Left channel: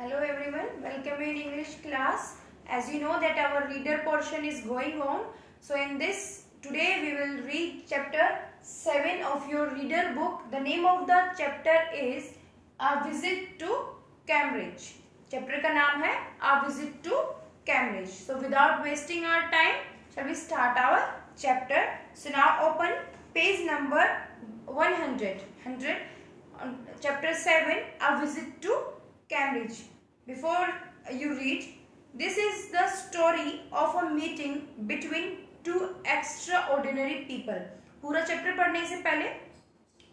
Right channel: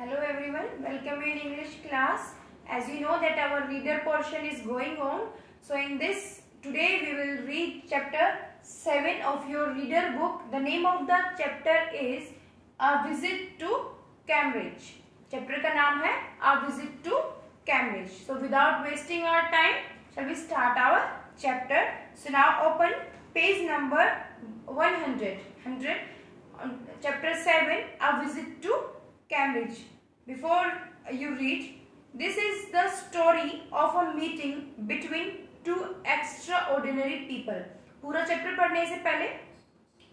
Hello everyone, welcome in English class. As you know that our reader portion is going on. So in this, today we will read chapter 7 of your reader book. The name of the chapter is A Visit to Cambridge. Chapter का नाम है A Visit to Cambridge. So without wasting our time, shall we start our chapter. So now open page number 100. Chapter 7, A Visit to Cambridge. Before you read, this is the story of a meeting between two extraordinary people. पूरा chapter पढ़ने से पहले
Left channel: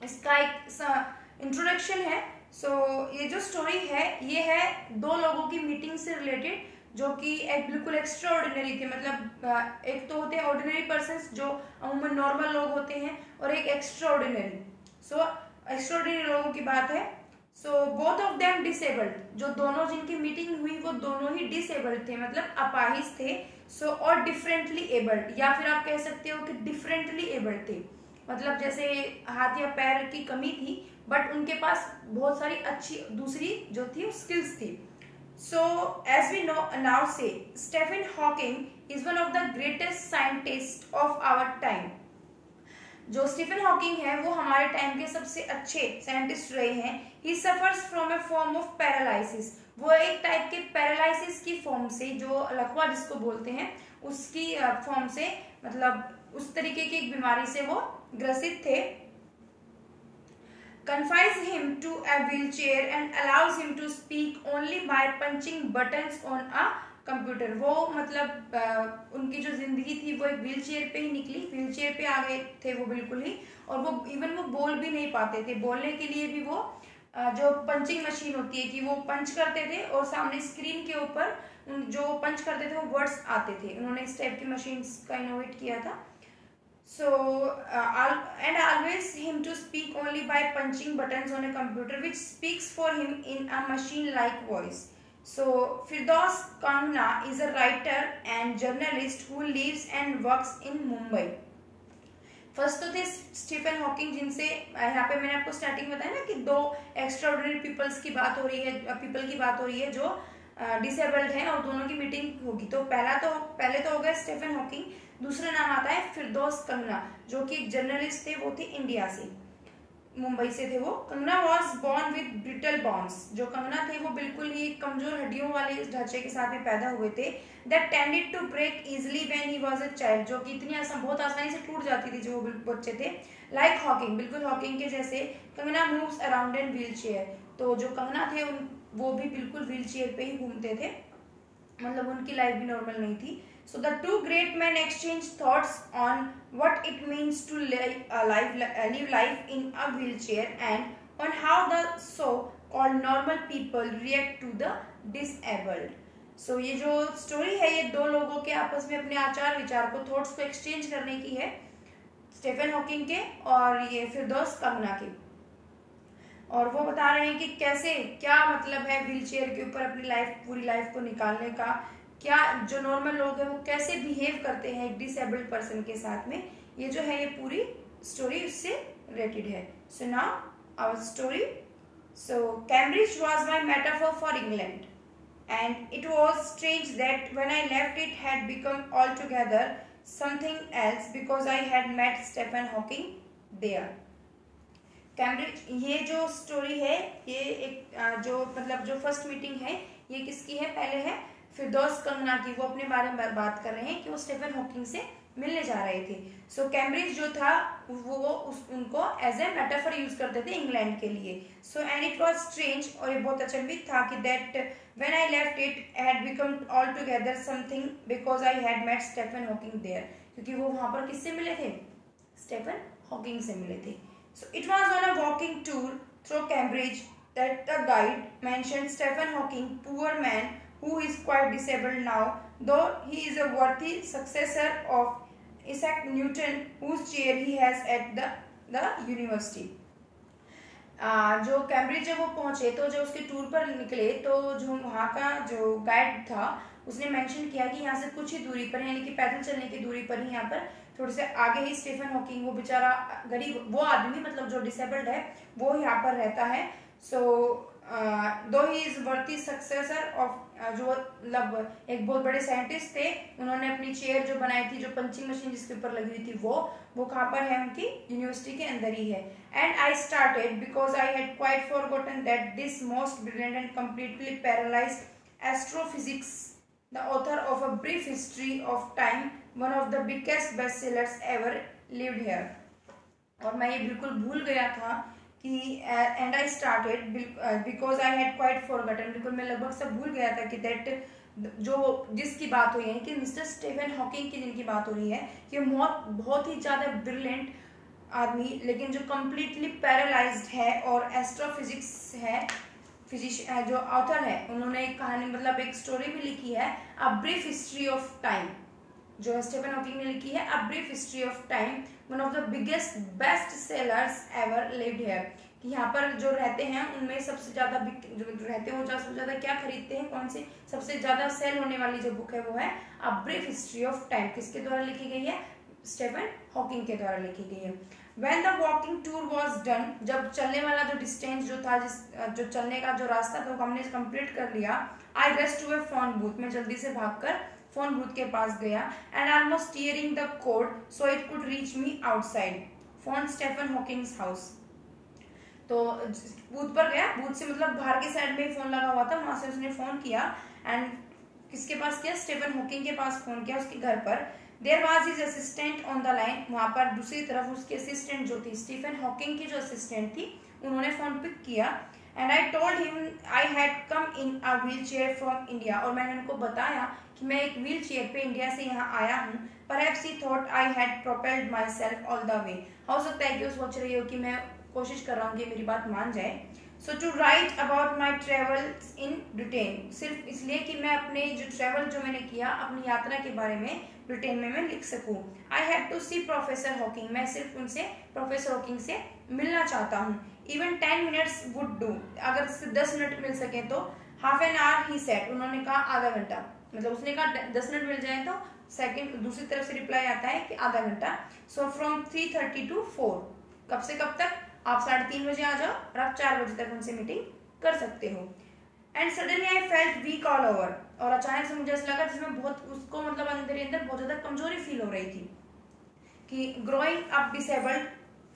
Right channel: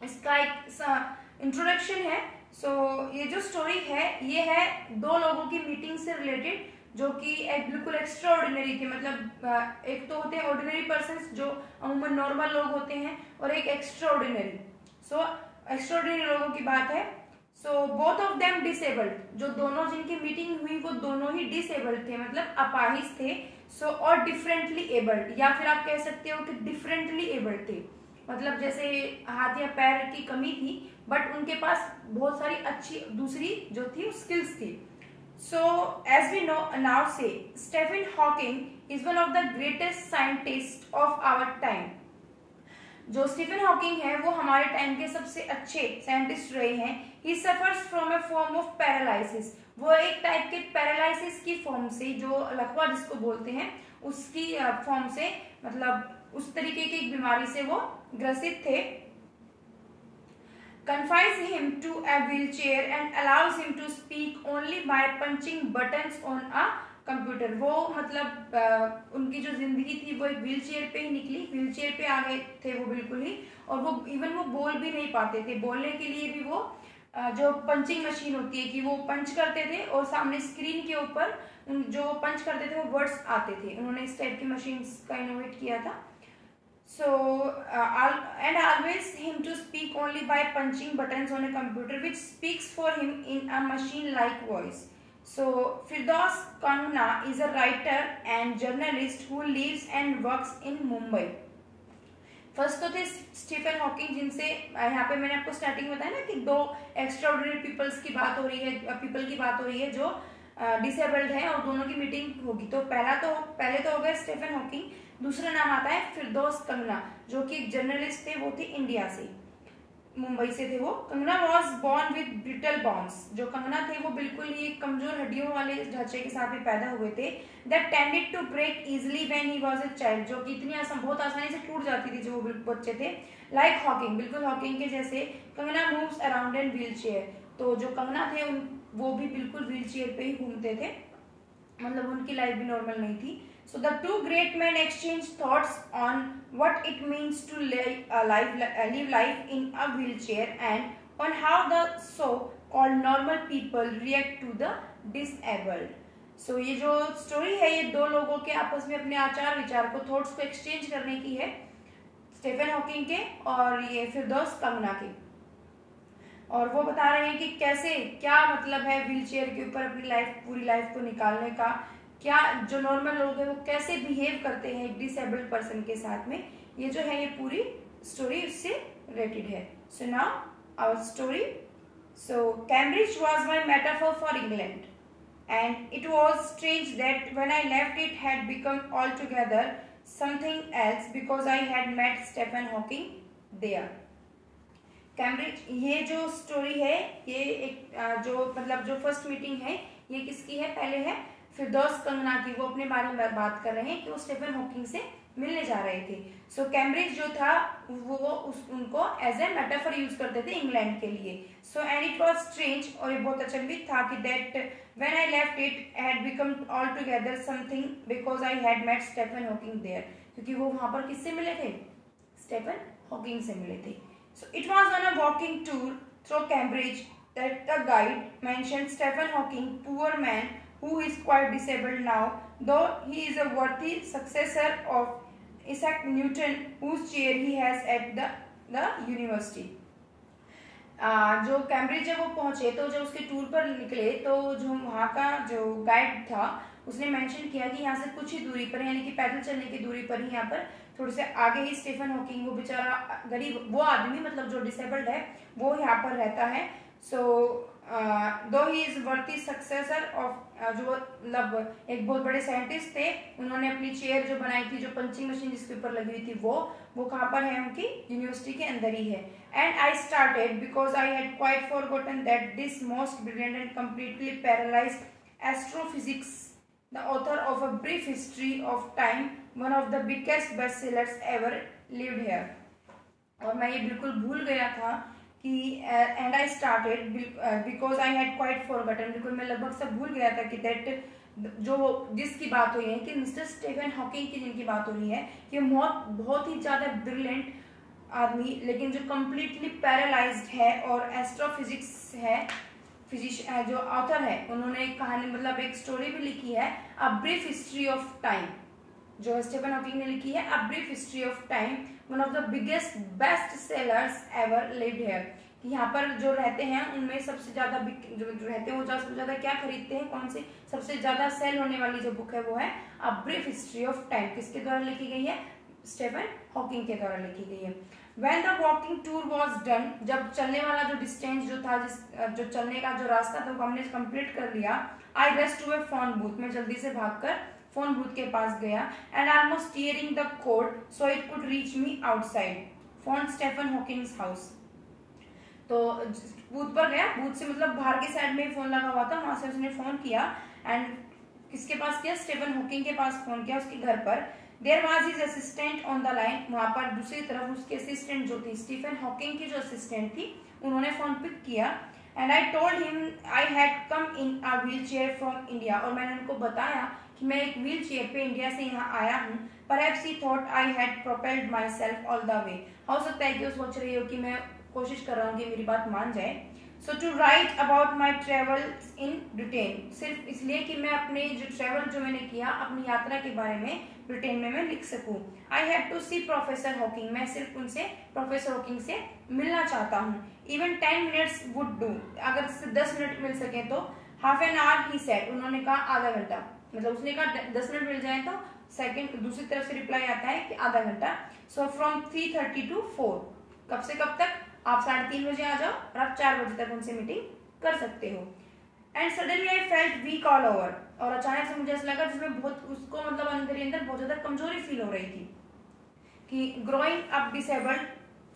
इसका एक introduction है. सो ये जो story है ये है दो लोगों की मीटिंग से रिलेटेड जो कि एक बिल्कुल एक्स्ट्रा ऑर्डिनरी थे. मतलब एक तो होते हैं ऑर्डिनरी पर्सन्स जो अमूमन नॉर्मल लोग होते हैं और एक extra ordinary. So extra ordinary लोगों की बात है. So both of them disabled. जो दोनों जिनकी मीटिंग हुई वो दोनों ही डिसेबल्ड थे, मतलब अपाहिज थे. सो और डिफरेंटली एबल्ड, या फिर आप कह सकते हो कि डिफरेंटली एबल्ड थे. मतलब जैसे हाथ या पैर की कमी थी बट उनके पास बहुत सारी अच्छी दूसरी जो थी स्किल्स थी. So as we know now say Stephen Hawking is one of the greatest scientist of our time. जो स्टीफन हॉकिंग है वो हमारे टाइम के सबसे अच्छे साइंटिस्ट रहे हैं. ही suffers from a form of paralysis. वो एक टाइप के पैरालिसिस की फॉर्म से, जो लकवा जिसको बोलते हैं उसकी फॉर्म से, मतलब उस तरीके की एक बीमारी से वो ग्रसित थे. confines him to a wheelchair and allows him to speak only by punching buttons on a computer. वो मतलब उनकी जो जिंदगी थी वो एक व्हील चेयर पे ही निकली. व्हील चेयर पे आ गए थे वो बिल्कुल ही, और वो इवन वो बोल भी नहीं पाते थे. बोलने के लिए भी वो जो पंचिंग मशीन होती है कि वो पंच करते थे और सामने स्क्रीन के ऊपर जो पंच करते थे वो वर्ड्स आते थे. उन्होंने इस टाइप की मशीन का इनोवेट किया था. So and always him to speak only by punching buttons on a computer which speaks for him in a machine-like voice. So Firdaus Kangna is a writer and journalist who lives and works in Mumbai. First तो थे Stephen Hawking, जिनसे यहाँ पे मैंने आपको starting बताया ना कि दो एक्स्ट्राऑर्डिनरी पीपल्स की बात हो रही है, पीपल की बात हो रही है जो डिसेबल्ड है और दोनों की मीटिंग होगी. तो पहले तो हो गया स्टीफन हॉकिंग. दूसरा नाम आता है फिरदौस कंगना जो कि एक जर्नलिस्ट थे. वो थे इंडिया से, मुंबई से थे वो. Kangana was born with brittle bones. जो कंगना थे वो बिल्कुल ही कमजोर हड्डियों वाले ढांचे के साथ में पैदा हुए थे. That tended to break easily when he was a child. जो कि इतनी बहुत आसानी से टूट जाती थी जो वो बच्चे थे. लाइक हॉकिंग, बिल्कुल हॉकिंग के जैसे. Kangana moves around in wheel chair. तो जो कंगना थे वो भी बिल्कुल व्हील चेयर पे ही घूमते थे, मतलब उनकी लाइफ भी नॉर्मल नहीं थी. So the two great men exchanged thoughts on what it means to live life in a wheelchair and on how the so-called normal people react to the disabled. So ये जो story है ये दो लोगों के आपस में अपने आचार विचार को, थॉट्स को एक्सचेंज करने की है. स्टीफन हॉकिंग के और ये फिरदौस कंगना के. और वो बता रहे हैं कि कैसे, क्या मतलब है व्हीलचेयर के ऊपर अपनी पूरी लाइफ को निकालने का. क्या जो नॉर्मल लोग हैं वो कैसे बिहेव करते हैं एक डिसेबल्ड पर्सन के साथ में. ये जो है ये पूरी स्टोरी उससे रिलेटेड है. So now our story. So Cambridge was my metaphor for England and it was strange that when I left it had become altogether something else because I had met Stephen Hawking there. Cambridge, ये जो story है ये एक जो मतलब जो first meeting है ये किसकी है, पहले है फिरदौस कंगना की. वो अपने बारे में बात कर रहे हैं कि वो स्टीफन हॉकिंग से मिलने जा रहे थे. सो कैम्ब्रिज जो था वो उनको एज ए मेटाफर यूज करते थे इंग्लैंड के लिए. So and it was strange, और ये बहुत अचंभित था कि that when I left it had become altogether something because I had met Stephen Hawking there. क्योंकि वो वहां पर किससे मिले थे, स्टीफन हॉकिंग से मिले थे. So it was on a walking tour through Cambridge that the guide mentioned Stephen Hawking, poor man who is quite disabled now, though he is a worthy successor of Isaac Newton, whose chair he has at the university. जो Cambridge जब वो पहुंचे तो जब उसके tour पर निकले तो जो वहाँ का जो गाइड था उसने मेंशन किया कि यहाँ से कुछ ही दूरी पर, यानी कि पैदल चलने की दूरी पर ही, यहाँ पर थोड़े से आगे ही स्टीफन हॉकिंग, वो बेचारा गरीब, वो आदमी मतलब जो डिसेबल्ड है वो यहाँ पर रहता है. सो दो ही इज वर्दी सक्सेसर ऑफ, जो मतलब एक बहुत बड़े साइंटिस्ट थे, उन्होंने अपनी चेयर जो बनाई थी, जो पंचिंग मशीन जिसके ऊपर लगी हुई थी, वो कहाँ पर है, उनकी यूनिवर्सिटी के अंदर ही है. And I started because I had quite forgotten that this most brilliant and completely paralysed astrophysics, the author of a brief history of time, one of the biggest best sellers ever lived here. और मैं ये बिल्कुल भूल गया था कि and I started because I had quite forgotten, बिल्कुल मैं लगभग सब भूल गया था कि दैट जो जिसकी बात हो रही है, कि मिस्टर स्टीफन हॉकिंग की जिनकी बात हो रही है, कि बहुत ही ज्यादा ब्रिलियंट आदमी, लेकिन जो कंप्लीटली पैरालाइज्ड है, और एस्ट्रोफिजिक्स है, जो ऑथर है, उन्होंने एक कहानी मतलब एक स्टोरी भी लिखी है, a brief history of time, जो स्टीफन हॉकिंग ने लिखी है, a brief history of time, one of the biggest best sellers ever lived here. यहाँ पर जो रहते हैं उनमें सबसे ज्यादा जो रहते हैं वो सबसे ज्यादा क्या खरीदते हैं, कौन सी सबसे ज्यादा सेल होने वाली जो बुक है वो है a brief history of time. किसके द्वारा लिखी गई है, स्टीफन हॉकिंग के द्वारा लिखी गई है. When the walking tour was done, जब चलने वाला जो डिस्टेंस जो था, जो चलने का जो रास्ता था वो हमने कंप्लीट कर लिया, I rushed to a phone booth, मैं जल्दी से भागकर फोन बूथ के पास गया, and almost tearing the cord so it could reach me outside phone Stephen Hawking's house. तो बूथ पर गया, बूथ से मतलब बाहर की साइड में फोन लगा हुआ था, वहां से उसने फोन किया, एंड किसके पास किया, स्टीफन हॉकिंग के पास फोन किया, उसके घर पर. There was his assistant on the line, वहां पर दूसरी तरफ उसके असिस्टेंट जो थी, स्टीफन हॉकिंग की जो असिस्टेंट थी, उन्होंने फोन पिक किया. And I told him I had come in a wheel chair from India, और मैंने उनको बताया कि मैं एक व्हील चेयर पे इंडिया से यहाँ आया हूँ. Perhaps he thought I had propelled my self all the way, हो सकता है कि वो सोच रही हो कि मैं कोशिश कर रहा हूँ कि मेरी बात मान जाए. So to write about my travel in Britain, सिर्फ इसलिए कि मैं अपने जो ट्रेवल जो मैंने किया, अपनी यात्रा के बारे में ब्रिटेन में मैं लिख सकूं. I have to see professor Hawking, मैं सिर्फ उनसे प्रोफेसर हॉकिंग से मिलना चाहता हूँ. इवन 10 मिनट्स वुड डू, अगर 10 मिनट मिल सके तो. Half an hour he said, उन्होंने कहा आधा घंटा, मतलब उसने कहा 10 मिनट मिल जाए तो सेकंड दूसरी तरफ से रिप्लाई आता है कि आधा घंटा. सो फ्रॉम 3:30 to 4, कब से कब तक, आप 3:30 बजे आ जाओ और आप 4 बजे तक उनसे मीटिंग कर सकते हो. And suddenly I felt weak all over, और अचानक से मुझे ऐसा लगा जिसमें बहुत उसको मतलब अंदर ही अंदर बहुत ज्यादा कमजोरी फील हो रही थी, कि growing up disabled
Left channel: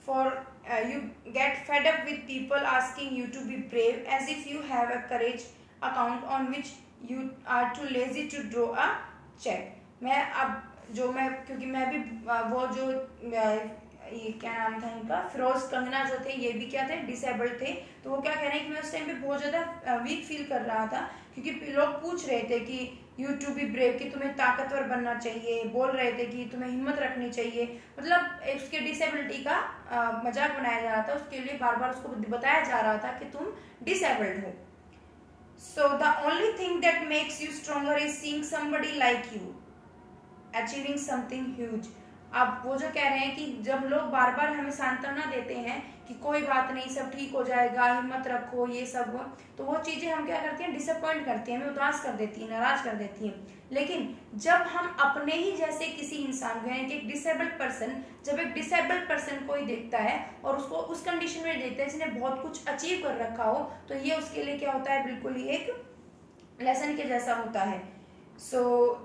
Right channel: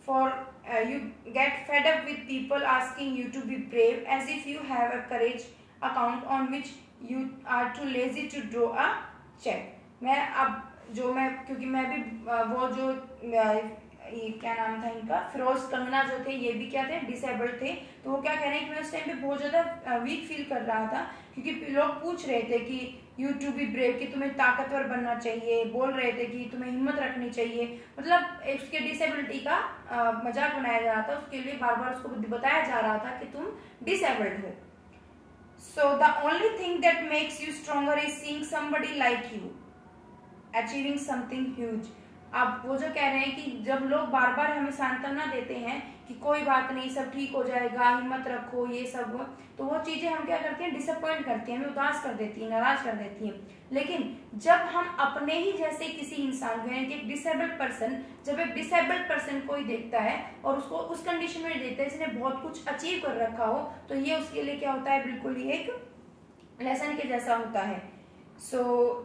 for you get fed up with people asking you to be brave as if you have a courage account on which you are too lazy to draw a cheque. मैं अब जो मैं, क्योंकि मैं भी वो जो ये क्या नाम था इनका, फिरोज कंगना जो थे, ये भी क्या थे, डिसेबल्ड थे. तो वो क्या कह रहे हैं कि मैं उस टाइम पे बहुत ज्यादा वीक फील कर रहा था, क्योंकि लोग पूछ रहे थे कि यू टू बी ब्रेव, कि तुम्हें ताकतवर बनना चाहिए, बोल रहे थे कि तुम्हें हिम्मत रखनी चाहिए, मतलब उसके डिसेबिलिटी का मजाक बनाया जा रहा था, उसके लिए बार बार उसको बताया जा रहा था कि तुम डिसेबल्ड हो. So the only thing that makes you stronger is seeing somebody like you achieving something huge. अब वो जो कह रहे हैं कि जब लोग बार बार हमें सांत्वना देते हैं कि कोई बात नहीं, सब ठीक हो जाएगा, हिम्मत रखो, ये सब, तो वो चीजें हम क्या करते हैं, डिसअपॉइंट करती हैं, हमें उदास कर देती है, नाराज कर देती हैं. लेकिन जब हम अपने ही जैसे किसी इंसान को, यानी कि एक डिसेबल्ड पर्सन, जब एक डिसेबल्ड पर्सन को ही देखता है और उसको उस कंडीशन में देखता है जिसने बहुत कुछ अचीव कर रखा हो, तो ये उसके लिए क्या होता है, बिल्कुल ही एक लेसन के जैसा होता है. So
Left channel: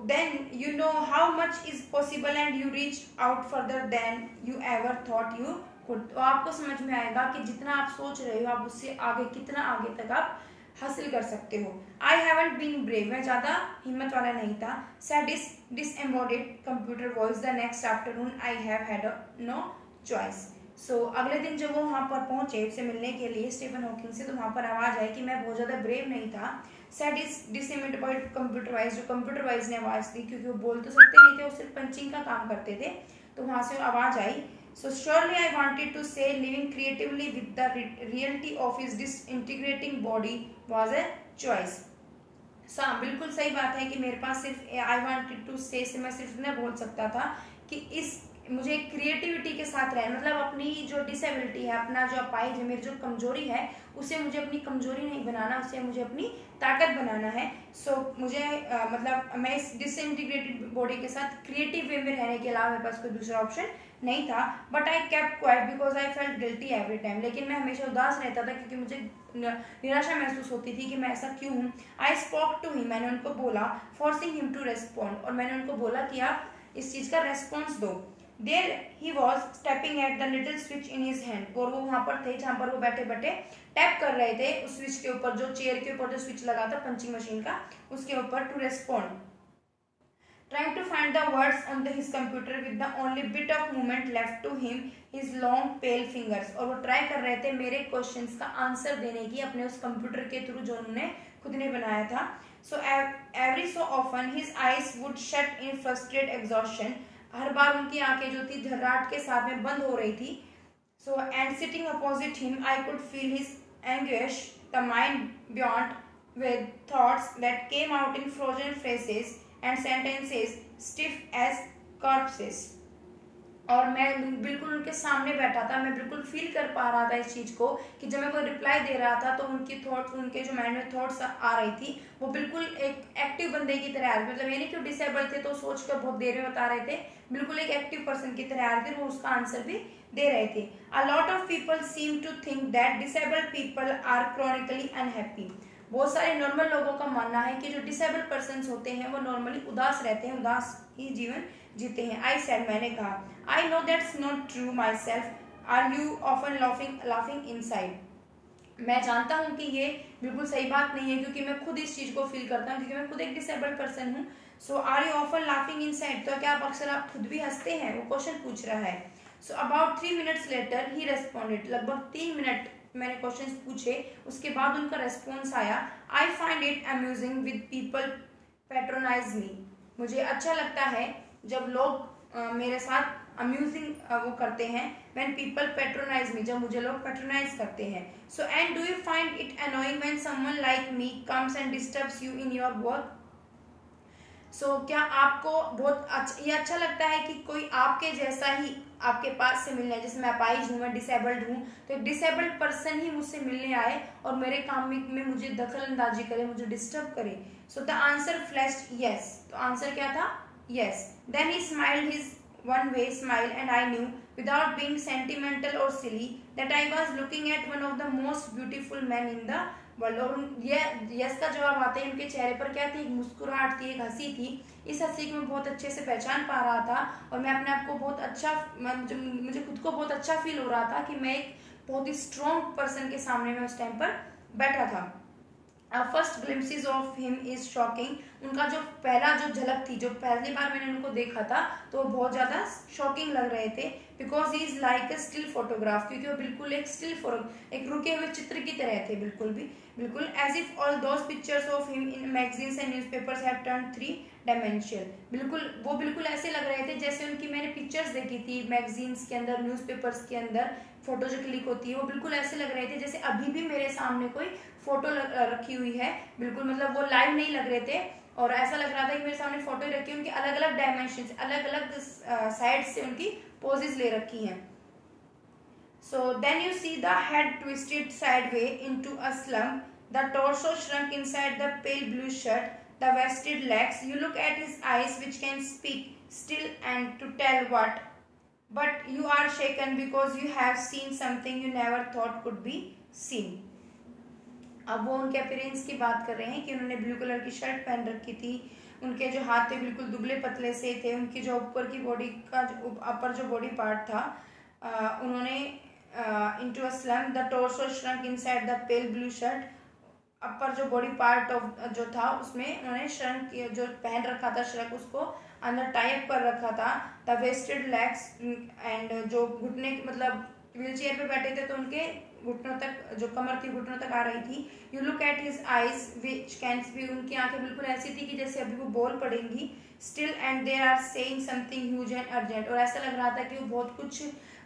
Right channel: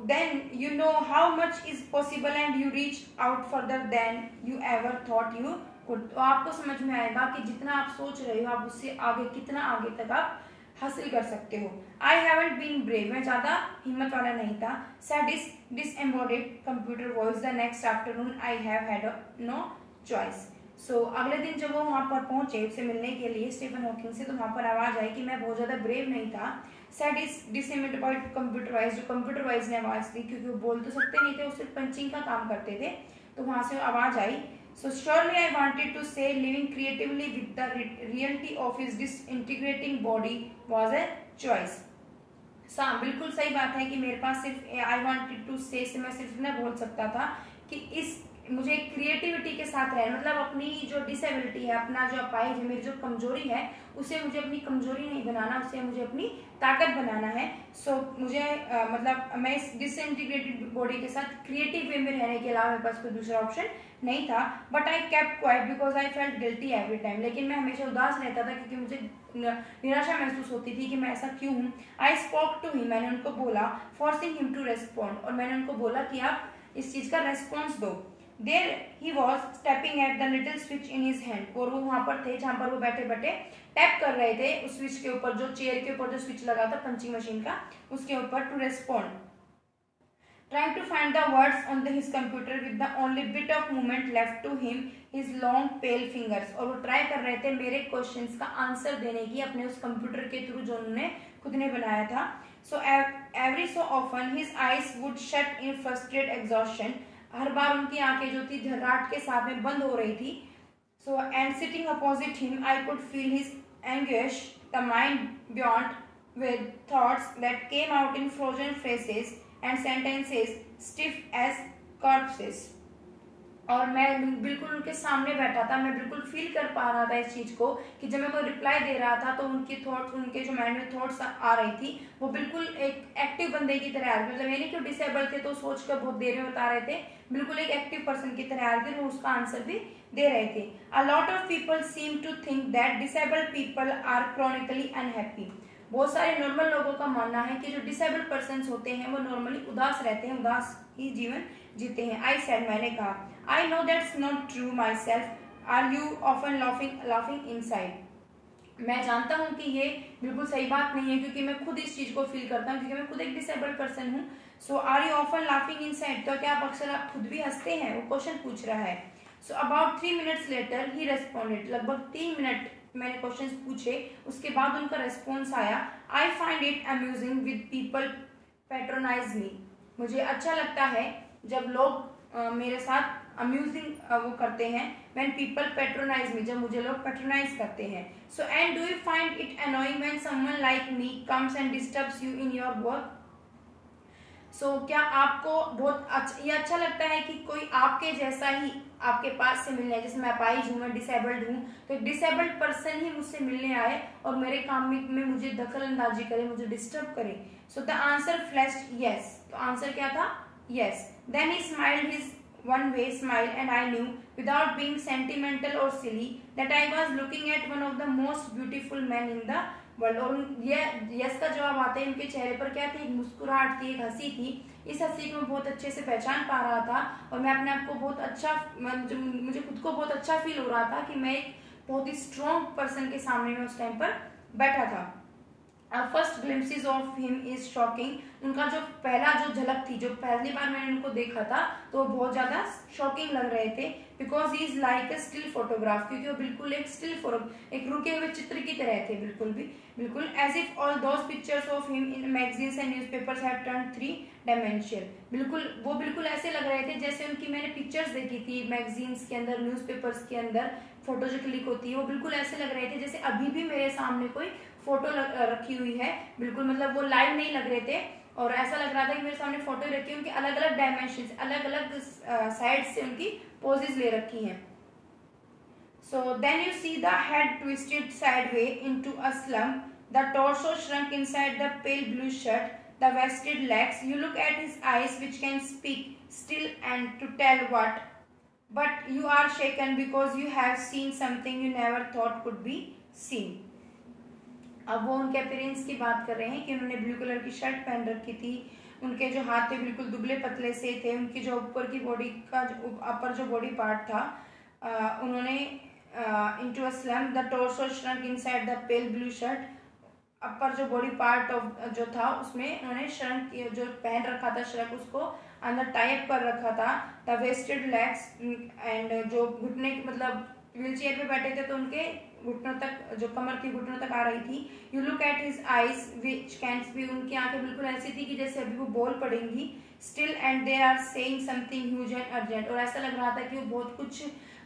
then you know how much is possible and you reach out further than you ever thought you could. तो आपको समझ में आएगा कि जितना आप सोच रहे हो, आप उससे आगे कितना आगे तक आप हासिल कर सकते हो. I haven't been brave, मैं ज्यादा हिम्मत वाला नहीं था. Said disembodied computer voice the next afternoon. I have had no choice. So अगले दिन जब वो वहां पर पहुंचे उससे मिलने के लिए स्टीफन हॉकिंग से, तो वहां पर आवाज आई कि मैं बहुत ज्यादा ब्रेव नहीं था. सेड इज डिसएम्बॉडिड कंप्यूटर वाइज, जो कंप्यूटर वाइज ने आवाज दी, क्योंकि वो बोल तो सकते नहीं थे, वो सिर्फ पंचिंग का काम करते थे, तो वहां से आवाज आई. So surely I wanted to say living creatively with the reality of his disintegrating body was a choice. बिल्कुल सही बात है कि मेरे पास सिर्फ आई वांटेड टू से मैं सिर्फ न बोल सकता था कि इस मुझे क्रिएटिविटी के साथ रहना, मतलब अपनी जो डिसेबिलिटी है, अपना जो अपाहिज है, मेरी जो कमजोरी है, उसे मुझे अपनी कमजोरी नहीं बनाना, उसे मुझे अपनी ताकत बनाना है। सो मुझे मतलब मैं इस डिसइंटीग्रेटेड बॉडी के साथ क्रिएटिव वे में रहने के अलावा मेरे पास कोई दूसरा ऑप्शन नहीं था। But I kept quite because I felt guilty every time, लेकिन मैं हमेशा उदास रहता था क्योंकि मुझे निराशा महसूस होती थी कि मैं ऐसा क्यों हूँ। आई स्पोक टू हिम, मैंने उनको बोला, फोर्सिंग हिम टू रेस्पॉन्ड, और मैंने उनको बोला कि आप इस चीज का रेस्पॉन्स दो। There he was tapping at the little switch in his hand, और वो वहां पर थे जहां पर वो बैठे बैठे टैप कर रहे थे उस स्विच के ऊपर, जो चेयर के ऊपर जो स्विच लगा था पंचिंग मशीन का, उसके ऊपर, to respond. Trying to find the words on his computer with the only bit of movement left to him, his long pale fingers, और वो ट्राई कर रहे थे मेरे क्वेश्चंस का आंसर देने की अपने उस कंप्यूटर के थ्रू जो उन्होंने खुद ने बनाया था। So every so often his eyes would shut in frustrated exhaustion, हर बार उनकी आंखें जो थी घबराहट के साथ में बंद हो रही थी। So and sitting opposite him I could feel his anguish, the mind beyond with thoughts that came out in frozen phrases and sentences stiff as corpses, और मैं बिल्कुल उनके सामने बैठा था, मैं बिल्कुल फील कर पा रहा था इस चीज को कि जब मैं कोई रिप्लाई दे रहा था तो उनकी थॉट्स, उनके जो माइंड में थॉट्स आ रही थी वो बिल्कुल एक एक्टिव बंदे की तरह आ रही थी, मतलब ये नहीं कि डिसेबल थे तो सोच कर बहुत देर में बता रहे थे, बिल्कुल एक एक्टिव पर्सन की तरह आ रहे थे, वो उसका आंसर भी दे रहे थे। A lot of people seem to think that disabled people are chronically unhappy, बहुत सारे नॉर्मल लोगों का मानना है कि जो डिसेबल्ड पर्सन होते हैं वो नॉर्मली उदास रहते हैं, उदास ही जीवन जीते हैं। आई सेड, मैंने कहा, I know that's not true myself, are you often laughing inside, मैं जानता हूं कि ये बिल्कुल सही बात नहीं है क्योंकि मैं खुद इस चीज को फील करता हूँ, क्योंकि मैं खुद एक डिसेबल्ड पर्सन हूँ। So are you often laughing inside, तो क्या आप अक्सर आप खुद भी हंसते हैं, वो क्वेश्चन पूछ रहा है। So about 3 minutes later he responded, लगभग 3 मिनट मैंने क्वेश्चंस पूछे, उसके बाद उनका रेस्पॉन्स आया। I find it amusing with people patronise me, मुझे अच्छा लगता है जब लोग मेरे साथ अम्यूजिंग वो करते हैं, व्हेन पीपल पैट्रोनाइज मी, जब मुझे लोग पैट्रोनाइज करते हैं। So and do you find it annoying when someone like me comes and disturbs you in your work, so क्या आपको बहुत ये अच्छा लगता है कि कोई आपके जैसा ही आपके पास से मिलने, जैसे मैं अपाहिज हूँ, मैं डिसेबल्ड हूँ, तो एक डिसेबल्ड पर्सन ही मुझसे मिलने आए और मेरे काम में मुझे दखल अंदाजी करे, मुझे डिस्टर्ब करे। So the answer flashed yes, तो आंसर क्या था, yes. Then he smiled his one way smile and I knew without being sentimental or silly that I was looking at one of the most beautiful men in the world, और ये yes का जवाब आते ही उनके चेहरे पर क्या थी, एक मुस्कुराहट थी, एक हंसी थी। इस हंसी को मैं बहुत अच्छे से पहचान पा रहा था और मैं अपने आप को बहुत अच्छा, मुझे खुद को बहुत अच्छा फील हो रहा था कि मैं एक बहुत ही स्ट्रॉन्ग पर्सन के सामने में उस टाइम पर बैठा था। First glimpses of him is shocking, उनका जो पहला जो झलक थी, जो पहली बार मैंने उनको देखा था तो वो बहुत ज्यादा शॉकिंग लग रहे थे, because he is like a still photograph, क्योंकि वो बिल्कुल एक स्टिल एक रुके हुए चित्र की तरह थे, बिल्कुल as if all those pictures of him in magazines and newspapers have turned 3 dimensional, बिल्कुल ऐसे लग रहे थे जैसे उनकी मैंने पिक्चर्स देखी थी मैगजीन्स के अंदर, न्यूज़पेपर्स के अंदर फोटो जो क्लिक होती है, वो बिल्कुल ऐसे लग रहे थे जैसे अभी भी मेरे सामने कोई फोटो रखी हुई है, बिल्कुल मतलब वो लाइव नहीं लग रहे थे और ऐसा लग रहा था कि मेरे सामने फोटो ही रखी है, उनकी अलग अलग डायमेंशन, अलग अलग साइड से उनकी पोजेस ले रखी हैं। So then you see the head twisted sideway into a slump, the torso shrunk inside the pale blue shirt, the wasted legs, you look at his eyes which can speak still and to tell what, but you are shaken because you have seen something you never thought could be seen. अब वो उनके appearance की बात कर रहे हैं कि उन्होंने ब्लू कलर की शर्ट पहन रखी थी, उनके जो हाथ थे बिल्कुल दुबले पतले से थे, उनकी जो ऊपर की बॉडी का अपर जो बॉडी पार्ट था, उन्होंने into a slump, the torso shrunk inside the pale blue shirt, upper जो बॉडी पार्ट ऑफ जो था उसमें उन्होंने श्रंक जो पहन रखा था श्रंक उसको अंदर टाइप कर रखा था, द वेस्टेड लेग्स एंड जो घुटने मतलब व्हील चेयर पे बैठे थे तो उनके घुटनों तक जो कमर थी घुटनों तक आ रही थी। You look at his eyes which can be, उनकी आंखें बिल्कुल ऐसी थी कि जैसे अभी वो बोल पड़ेंगी, still and there are saying something huge and urgent, और ऐसा लग रहा था कि वो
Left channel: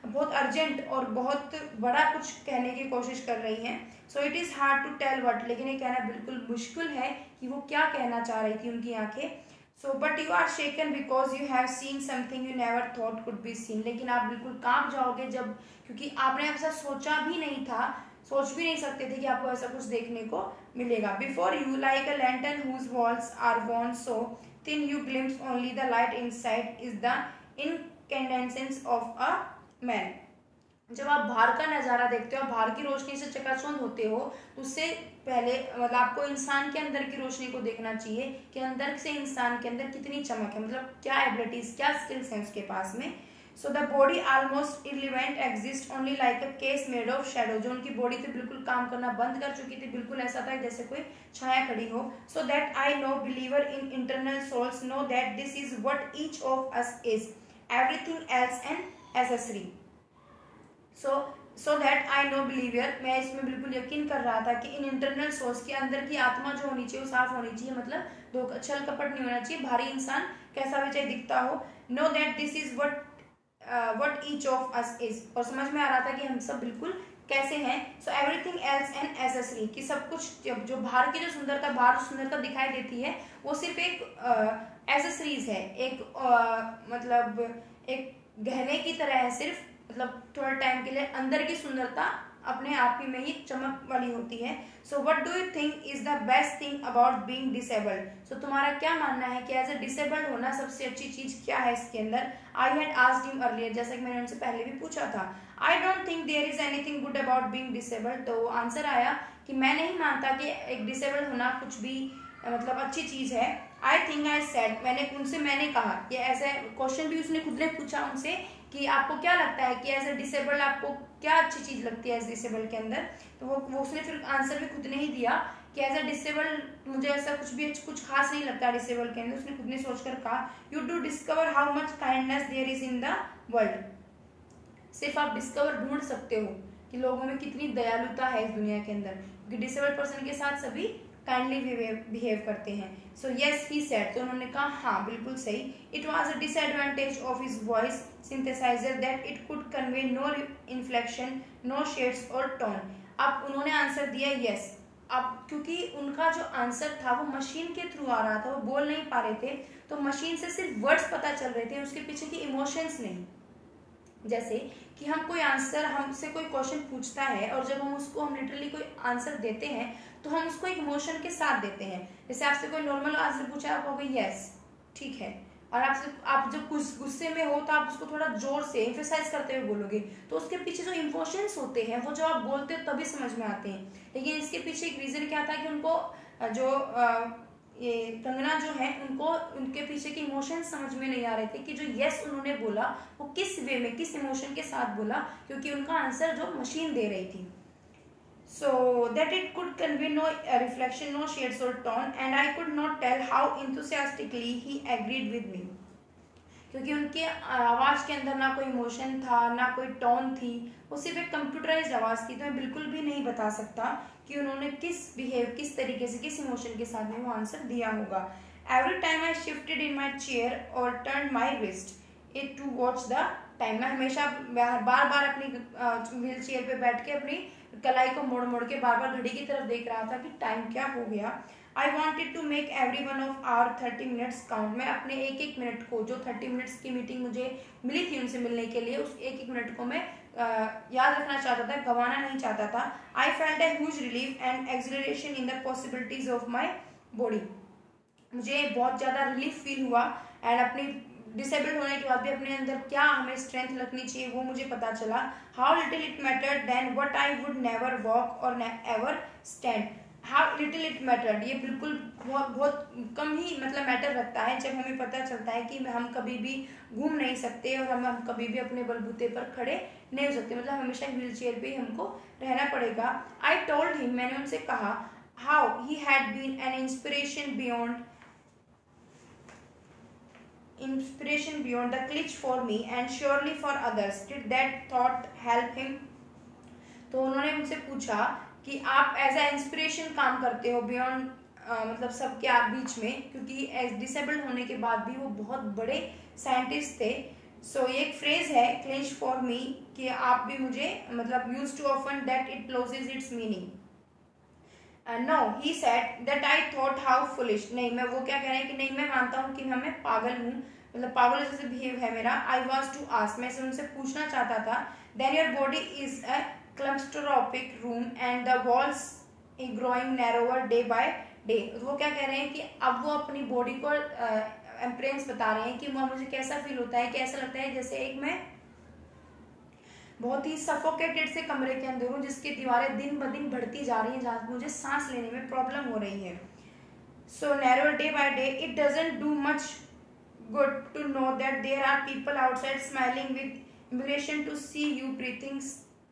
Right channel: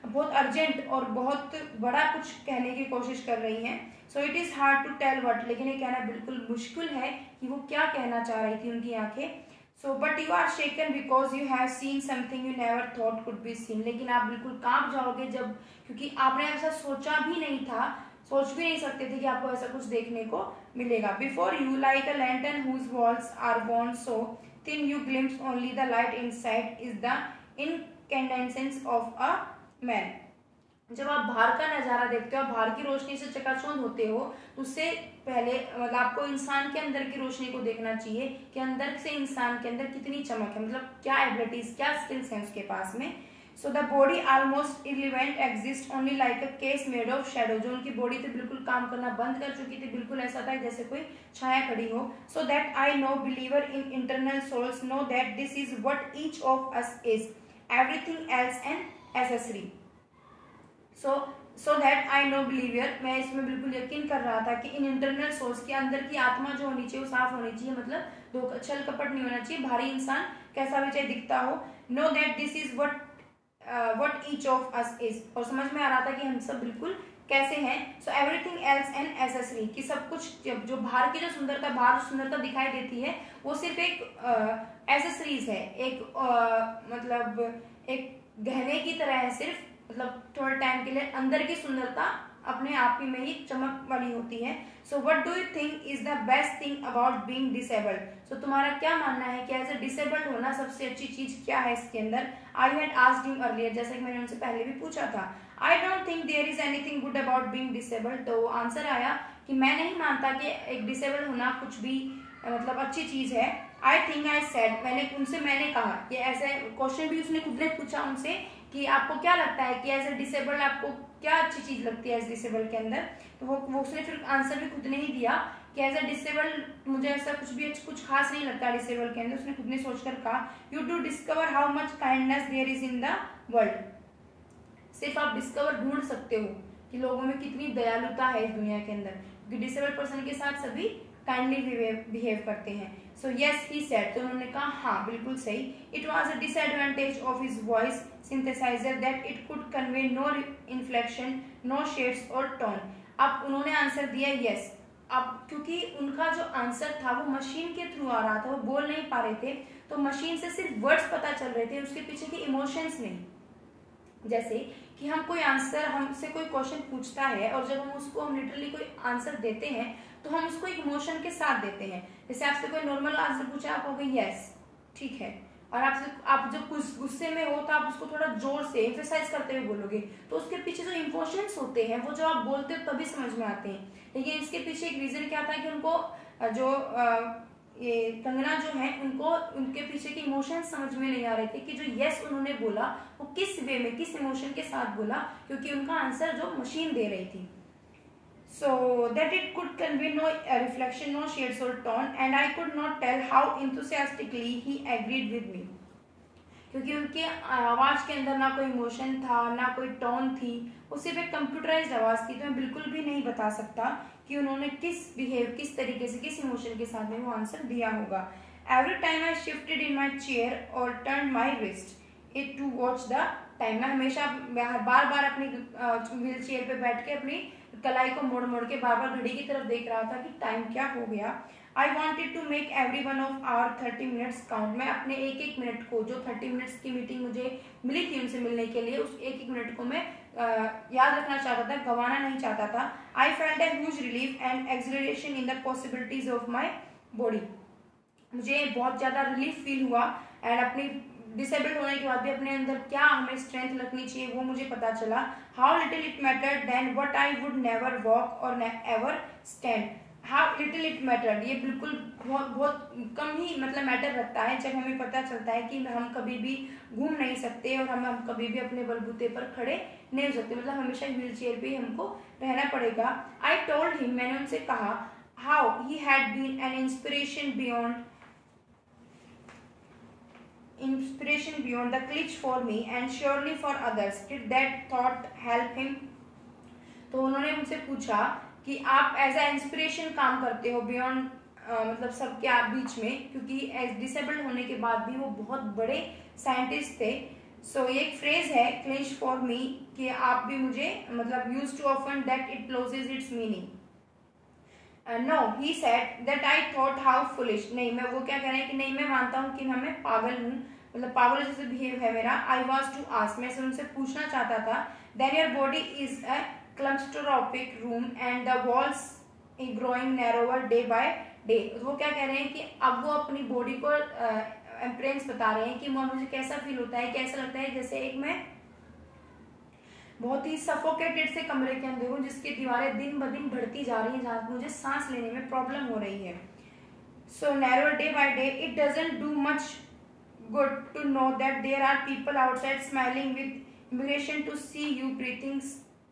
बहुत अर्जेंट और बहुत बड़ा कुछ कहने की कोशिश कर रही हैं। So it is hard to tell what, लेकिन ये कहना बिल्कुल मुश्किल है कि वो क्या कहना चाह रही थी उनकी आंखें। So but you are shaken because you have seen something you never thought could be seen, लेकिन आप बिल्कुल कांप जाओगे जब, क्योंकि आपने ऐसा सोचा भी नहीं था, सोच भी नहीं सकते थे कि आपको ऐसा कुछ देखने को मिलेगा। Before you like a lantern whose walls are worn so thin you glimpse only the light inside is the incandescence of a man। जब आप बाहर का नजारा देखते हो, आप बाहर की रोशनी से चकाचौंध होते हो, उससे पहले मतलब आपको इंसान के अंदर की रोशनी को देखना चाहिए कि अंदर से इंसान के अंदर कितनी चमक है, मतलब क्या एबिलिटीज, क्या स्किल्स हैं उसके पास में। So the body almost irrelevant exist only like a case made of shadow. जो उनकी बॉडी थी बिल्कुल काम करना बंद कर चुकी थी, बिल्कुल ऐसा था जैसे कोई छाया खड़ी हो। So that I no believer in internal souls know that this is what each of us is, everything else an accessory. So that I no believer, मैं इसमें बिल्कुल यकीन कर रहा था कि इन इंटरनल सोर्स के अंदर की आत्मा जो होनी चाहिए वो साफ होनी चाहिए, मतलब धोखा छल कपट नहीं होना चाहिए, भारी इंसान कैसा भी चाहे दिखता हो। No that this is what each of us is, और समझ में आ रहा था कि हम सब बिल्कुल कैसे हैं। So everything else an accessory, कि सब कुछ जो बाहर की जो सुंदरता, बाहर जो सुंदरता दिखाई देती है वो सिर्फ एक एसेसरीज है, एक मतलब एक गहने की तरह है सिर्फ, मतलब थोड़े टाइम के लिए। अंदर की सुंदरता अपने आप ही में ही चमक वाली होती है। So what do you think is the best thing about being disabled. So तुम्हारा क्या मानना है कि एज ए डिसेबल्ड होना सबसे अच्छी चीज क्या है इसके अंदर। I had asked him earlier, जैसे कि मैंने उनसे पहले भी पूछा था। I don't think there is anything good about being disabled. तो आंसर आया कि मैं नहीं मानता कि एक डिसेबल्ड होना कुछ भी मतलब अच्छी चीज है। आई थिंक आई सेड, मैंने कहा, ये ऐसे क्वेश्चन भी उसने खुद ने पूछा उनसे कि आपको क्या लगता है कि एज ए डिसेबल्ड आपको क्या अच्छी चीज लगती है एज डिसेबल्ड के अंदर। तो वो उसने फिर आंसर भी खुद ने ही दिया कि एज ए डिसेबल्ड मुझे ऐसा कुछ खास नहीं लगता डिसेबल्ड के अंदर। उसने खुद ने सोचकर कहा, you do discover how much kindness there is in the world. सिर्फ आप डिस्कवर ढूंढ सकते हो कि लोगों में कितनी दयालुता है इस दुनिया के अंदर, क्योंकि डिसेबल्ड पर्सन के साथ सभी काइंडली बिहेव करते हैं। सो यस ही सेड, तो उन्होंने कहा हाँ बिल्कुल सही। It was a disadvantage of his voice synthesizer that it could convey no inflection, no shades और टोन। अब उन्होंने आंसर दिया यस। अब क्योंकि उनका जो आंसर था वो मशीन के थ्रू आ रहा था, वो बोल नहीं पा रहे थे, तो मशीन से सिर्फ वर्ड्स पता चल रहे थे, उसके पीछे के इमोशंस नहीं। जैसे कि हम कोई आंसर, हमसे कोई क्वेश्चन पूछता है और जब हम लिटरली कोई आंसर देते हैं तो हम उसको एक इमोशन के साथ देते हैं। जैसे आपसे कोई नॉर्मल आंसर पूछा, आप कहोगे यस ठीक है, और आप जब कुछ गुस्से में हो तो आप उसको थोड़ा जोर से एम्फेसाइज करते हुए बोलोगे, तो उसके पीछे जो इमोशंस होते हैं वो जो आप बोलते हो तभी समझ में आते हैं। लेकिन इसके पीछे एक रीजन क्या था कि उनको जो ये कंगना जो है उनको उनके पीछे के इमोशंस समझ में नहीं आ रहे थे कि जो यस उन्होंने बोला वो किस वे में, किस इमोशन के साथ बोला, क्योंकि उनका आंसर जो मशीन दे रही थी। So that it could convey no reflection, no shades or tone, and I could not tell how enthusiastically he agreed with me. क्योंकि उनके आवाज के अंदर ना कोई इमोशन था, ना कोई टोन थी, वो सिर्फ एक कंप्यूटराइज्ड आवाज थी। तो मैं बिल्कुल भी नहीं बता सकता कि उन्होंने किस तरीके से, किस इमोशन के साथ में वो आंसर दिया होगा। Every time I shifted in my chair और turn my wrist it to watch the time. मैं हमेशा बार बार अपनी व्हील चेयर पे बैठ के अपनी कलाई को मोड़ मोड़ के बार बार घड़ी की तरफ देख रहा था कि टाइम क्या हो गया। I wanted to make every one of our 30 minutes count. मैं अपने एक एक मिनट को, जो 30 मिनट्स की मीटिंग मुझे मिली थी उनसे मिलने के लिए, उस एक एक मिनट को मैं याद रखना चाहता था, गंवाना नहीं चाहता था। I felt a huge relief and acceleration in the possibilities of my body. मुझे बहुत ज्यादा रिलीफ फील हुआ एंड अपनी डिसेबल्ड होने के बाद भी अपने अंदर क्या हमें स्ट्रेंथ रखनी चाहिए वो मुझे पता चला। How little it mattered then what I would never walk और ever stand. How little it mattered, ये बिल्कुल बहुत कम ही मतलब मैटर रखता है जब हमें पता चलता है कि हम कभी भी घूम नहीं सकते और हम कभी भी अपने बलबूते पर खड़े नहीं हो सकते, मतलब हमेशा व्हील चेयर पे ही हमको रहना पड़ेगा। आई टोल्ड हिम, मैंने उनसे कहा, how he had been an inspiration beyond the glitch for me and surely for others. Did that thought help him? तो उन्होंने मुझसे पूछा कि आप एज ए इंस्पिरेशन काम करते हो बियॉन्ड मतलब सबके आप बीच में, क्योंकि एज डिसेबल्ड होने के बाद भी वो बहुत बड़े साइंटिस्ट थे। सो ये एक फ्रेज है क्लिंच फॉर मी कि आप भी मुझे मतलब use to often that it loses its meaning. No he said that I thought how foolish, नहीं मैं, वो क्या कह रहे हैं कि नहीं मैं मानता हूँ कि मैं पागल हूँ, मतलब पागल जैसे बिहेव है मेरा। आई वॉज टू आस्क, मैं उनसे पूछना चाहता था, then your body is a claustrophobic room and the walls growing narrower day by day. वो क्या कह रहे हैं कि अब वो अपनी बॉडी को एम्प्रेंस बता रहे हैं कि मुझे कैसा फील होता है, कैसा लगता है जैसे एक मैं बहुत ही सफोकेटेड से कमरे के अंदर हूँ जिसकी दीवारें दिन ब दिन बढ़ती जा रही हैं, जहाँ मुझे सांस लेने में प्रॉब्लम हो रही है। So narrow day by day it doesn't do much good to know that there are people outside smiling with immigration to see you breathing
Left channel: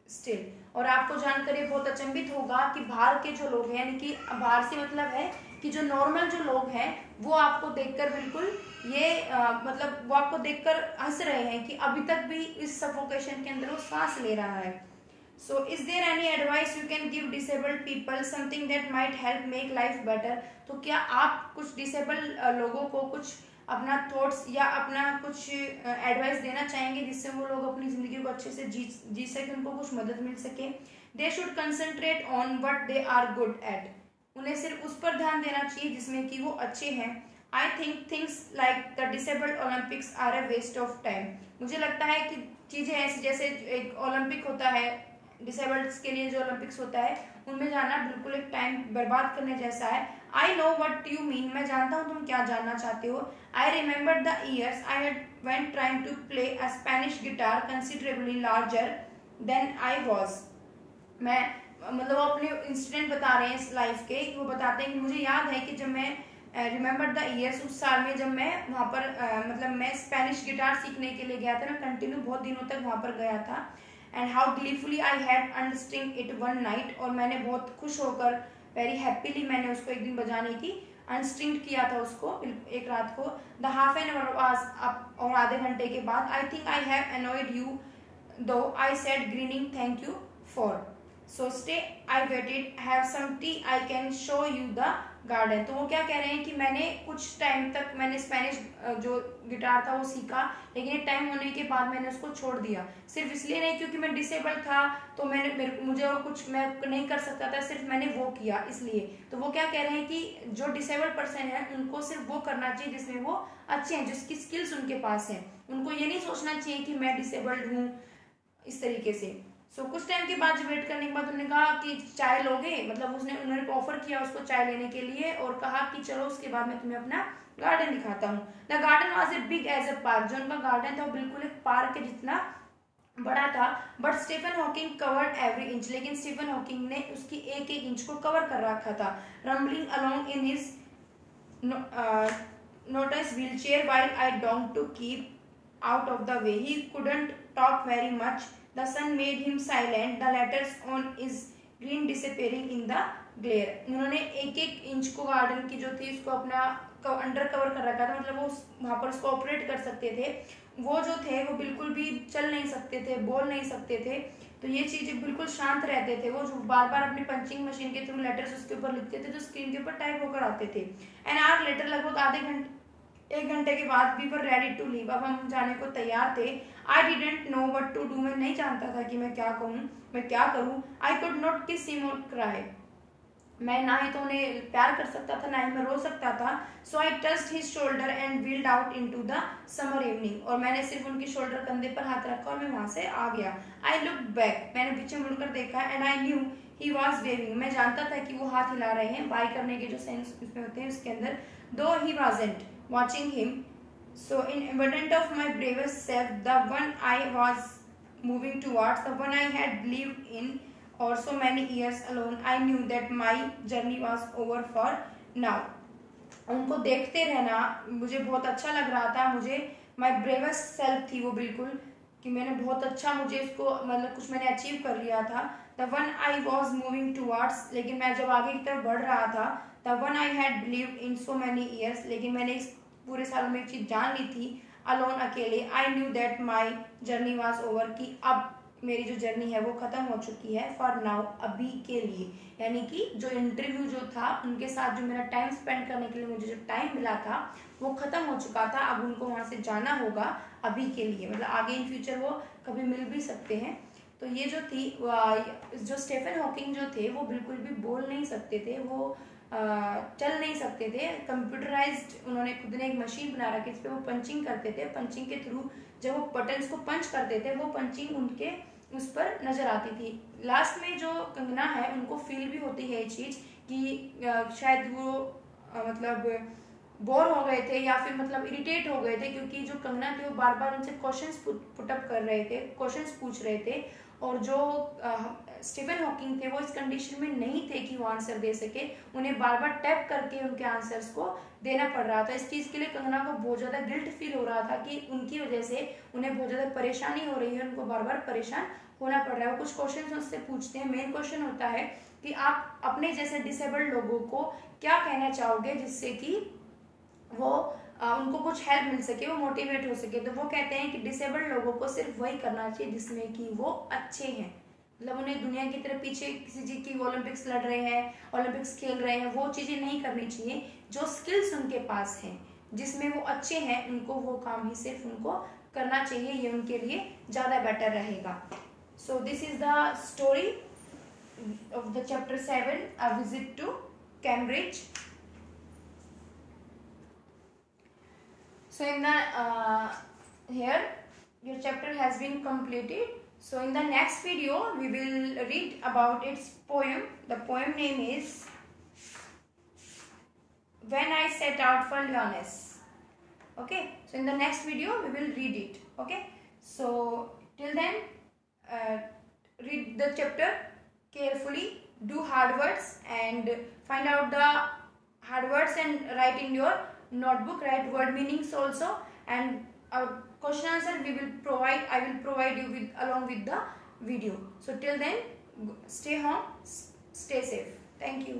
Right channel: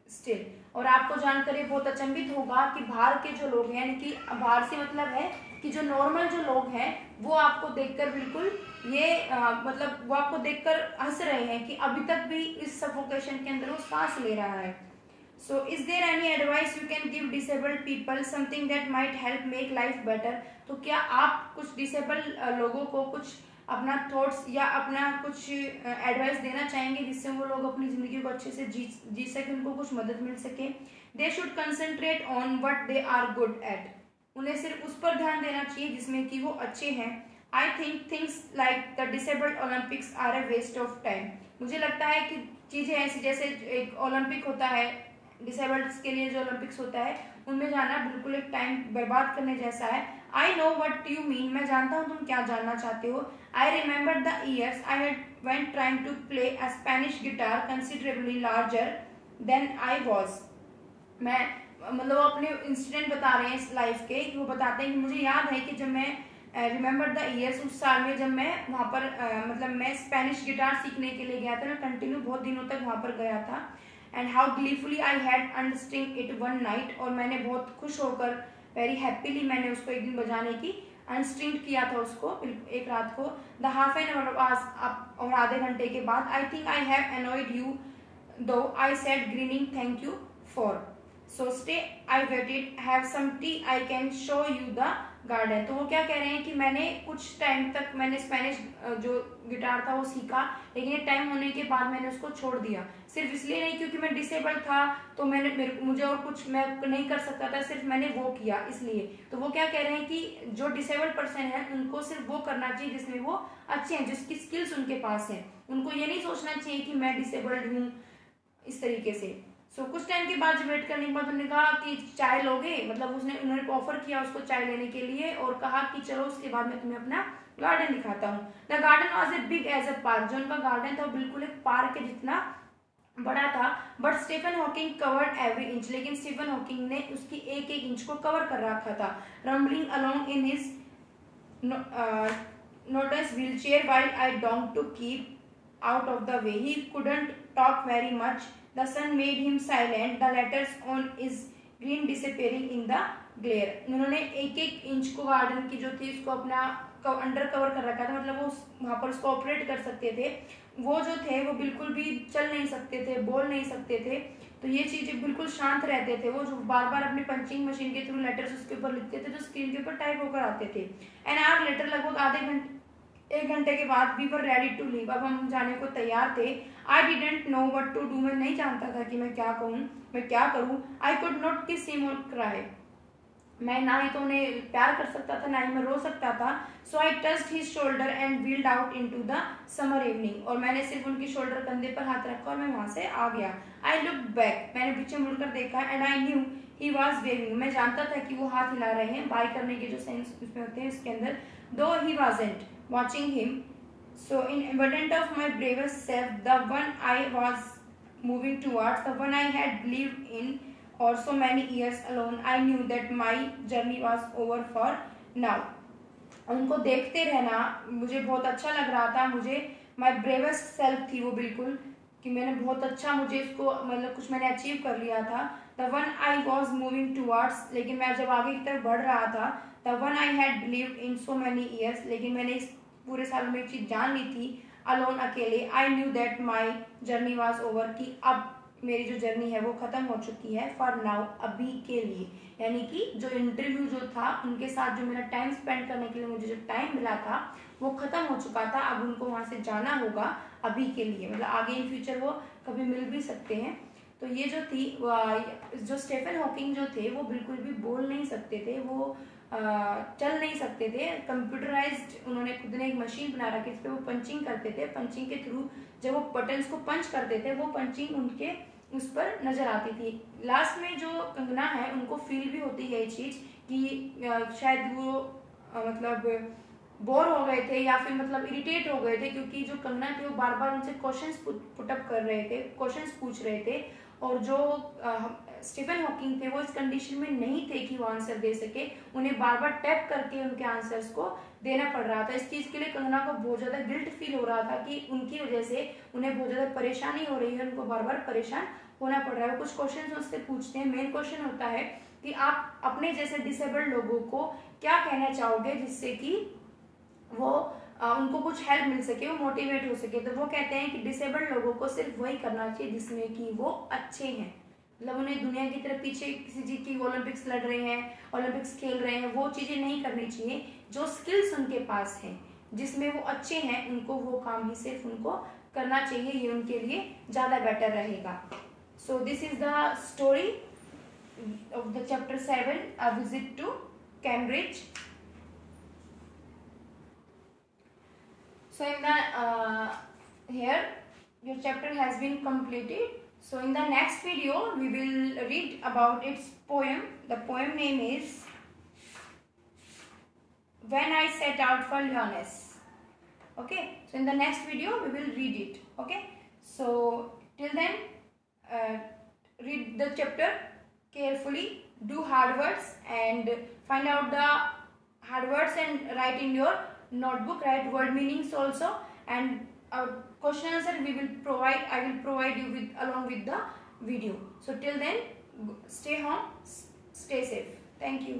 still. और आपको जानकर ये बहुत अचंभित होगा कि बाहर के जो लोग हैं, यानी कि बाहर से मतलब है कि जो नॉर्मल जो लोग हैं वो आपको देखकर बिल्कुल ये मतलब वो आपको देखकर हंस रहे हैं कि अभी तक भी इस सफोकेशन के अंदर वो सांस ले रहा है। So is there any advice you can give disabled people something that might help make life better. तो क्या आप कुछ डिसेबल्ड लोगों को कुछ अपना थॉट्स या अपना कुछ एडवाइस देना चाहेंगे जिससे वो लोग अपनी जिंदगी को अच्छे से जी सके, उनको कुछ मदद मिल सके। They should concentrate on what they are good at, उन्हें सिर्फ उस पर ध्यान देना चाहिए जिसमें कि वो अच्छे हैं। I think things like the disabled Olympics are a waste of time. मुझे लगता है कि चीजें ऐसी जैसे एक ओलंपिक होता है, डिसेबल्ड के लिए जो ओलंपिक्स होता है उनमें जाना बिल्कुल एक टाइम बर्बाद करने जैसा है। I know what you mean, मैं जानता हूँ तुम क्या जानना चाहते हो। I remember the years I had went trying to play a Spanish guitar considerably larger than I was. मैं मतलब वो अपने इंसिडेंट बता रहे हैं इस लाइफ के, वो बताते हैं कि मुझे याद है कि जब मैं रिमेम्बर द ईयर्स, उस साल में जब मैं वहाँ पर मतलब मैं स्पेनिश गिटार सीखने के लिए गया था, मैं कंटिन्यू बहुत दिनों तक वहाँ पर गया था। And how gleefully I had unstring it one night, और मैंने बहुत खुश होकर वेरी हैप्पीली मैंने उसको एक दिन बजाने की अनस्ट्रिंग किया था उसको एक रात को। द हाफ एन आवर और आधे घंटे के बाद I think I have annoyed you though I said grinning thank you for. So stay I waited have some tea I can show you the garden. तो वो क्या कह रहे हैं कि मैंने कुछ टाइम तक मैंने स्पेनिश जो गिटार था वो सीखा, लेकिन एक टाइम होने के बाद मैंने उसको छोड़ दिया, सिर्फ इसलिए नहीं क्योंकि मैं डिसेबल्ड था तो मुझे और कुछ मैं नहीं कर सकता था, सिर्फ मैंने वो किया इसलिए। तो वो क्या कह रहे हैं कि जो डिसेबल्ड पर्सन है उनको सिर्फ वो करना चाहिए जिसमें वो अच्छे हैं, जिसकी स्किल्स उनके पास है। उनको ये नहीं सोचना चाहिए कि मैं डिसेबल्ड हूँ इस तरीके से। सो कुछ टाइम के बाद वेट करने के बाद उन्होंने कहा कि चाय लोगे, मतलब उन्होंने ऑफर किया उसको चाय लेने के लिए और कहा कि चलो उसके बाद मैं तुम्हें अपना गार्डन दिखाता हूँ। The garden was a big as a park, जो उनका गार्डन था वो बिल्कुल एक पार्क के जितना बड़ा था। But Stephen Hawking covered every inch, लेकिन स्टीफन हॉकिंग ने उसकी एक एक इंच को कवर कर रखा था। Rumbling along in his noticed wheelchair while I donged to keep out of the way. He couldn't talk very much. The sun made him silent. The letters on his green disappearing in the glare. उन्होंने एक एक inch को garden की जो थी उसको अपना under cover कर रखा था, मतलब वो वहां पर उसको ऑपरेट कर सकते थे। वो जो थे वो बिल्कुल भी चल नहीं सकते थे, बोल नहीं सकते थे, तो ये चीजें बिल्कुल शांत रहते थे। वो जो बार बार अपने पंचिंग मशीन के थ्रू लेटर्स उसके ऊपर लिखते थे तो स्क्रीन के ऊपर टाइप होकर आते थे। एन आवर लेटर, लगभग एक घंटे के बाद we were ready to leave, अब हम जाने को तैयार थे। I didn't know what to do, मैं नहीं जानता था कि मैं क्या कहूँ, मैं क्या करूँ। आई कुड नॉट किस हिम और क्राई, मैं ना ही तो उन्हें प्यार कर सकता था ना ही मैं रो सकता था। So I touched his shoulder and wheeled out into the summer evening, और मैंने सिर्फ उनकी शोल्डर कंधे पर हाथ रखा और मैं वहां से आ गया। आई लुक बैक, मैंने पीछे मुड़कर देखा and I knew he was waving, मैं जानता था कि वो हाथ हिला रहे हैं, बाय करने के जो सेंस उसमें होते हैं उसके अंदर, दो he wasn't watching him. So in abundance of my bravest self, the one I was moving towards, the one I had lived in or so many years alone, I knew that my journey was over for now. उनको देखते रहना मुझे बहुत अच्छा लग रहा था। मुझे my bravest self थी वो बिल्कुल, कि मैंने बहुत अच्छा, मुझे इसको मतलब कुछ मैंने अचीव कर लिया था। The one I was moving towards, लेकिन मैं जब आगे की तरफ बढ़ रहा था, the one I had lived in so many years, लेकिन मैंने इस पूरे सालों में एक चीज जान ली थी, अलोन अकेले। I knew that my journey was over, कि अब मेरी जो जर्नी है वो खत्म हो चुकी है, फॉर नाउ, अभी के लिए। यानी कि जो इंटरव्यू जो था उनके साथ जो मेरा टाइम स्पेंड करने के लिए मुझे जो टाइम मिला था वो खत्म हो चुका था, अब उनको वहां से जाना होगा अभी के लिए, मतलब आगे इन फ्यूचर वो कभी मिल भी सकते हैं। तो ये जो थी जो स्टीफन हॉकिंग जो थे वो बिल्कुल भी बोल नहीं सकते थे, वो चल नहीं सकते थे। कंप्यूटराइज्ड उन्होंने खुद ने एक मशीन बना रखी, इस पे वो पंचिंग करते थे। पंचिंग के थ्रू जब वो बटन्स को पंच करते थे, वो पंचिंग उनके उस पर नजर आती थी। लास्ट में जो कंगना है उनको फील भी होती है ये चीज कि शायद वो मतलब बोर हो गए थे या फिर मतलब इरिटेट हो गए थे, क्योंकि जो कंगना थे वो बार बार उनसे क्वेश्चंस पुटअप कर रहे थे, क्वेश्चंस पूछ रहे थे, और जो स्टीफन हॉकिंग थे वो इस कंडीशन में नहीं थे कि वो आंसर दे सके, उन्हें बार बार टैप करके उनके आंसर्स को देना पड़ रहा था। इस चीज के लिए कंगना को बहुत ज्यादा गिल्ट फील हो रहा था कि उनकी वजह से उन्हें बहुत ज्यादा परेशानी हो रही है, उनको बार बार परेशान होना पड़ रहा है। वो कुछ क्वेश्चन उससे पूछते हैं। मेन क्वेश्चन होता है कि आप अपने जैसे डिसेबल्ड लोगों को क्या कहना चाहोगे जिससे कि वो उनको कुछ हेल्प मिल सके, वो मोटिवेट हो सके। तो वो कहते हैं कि डिसेबल्ड लोगों को सिर्फ वही करना चाहिए जिसमें कि वो अच्छे हैं, मतलब उन्हें दुनिया की तरफ पीछे किसी चीज की ओलंपिक्स लड़ रहे हैं, ओलंपिक्स खेल रहे हैं, वो चीजें नहीं करनी चाहिए। जो स्किल्स उनके पास हैं, जिसमें वो अच्छे हैं, उनको वो काम ही सिर्फ उनको करना चाहिए, ये उनके लिए ज्यादा बेटर रहेगा। So this is the story of the chapter 7, a visit to Cambridge. So in the here your chapter has been completed. So in the next video we will read about its poem. The poem name is When I Set Out for Lyonesse. Okay, so in the next video we will read it. Okay, so till then read the chapter carefully, do hard words and find out the hard words and write in your notebook, write word meanings also, and question answer I will provide you with along with the video. So till then, stay home, stay safe. Thank you.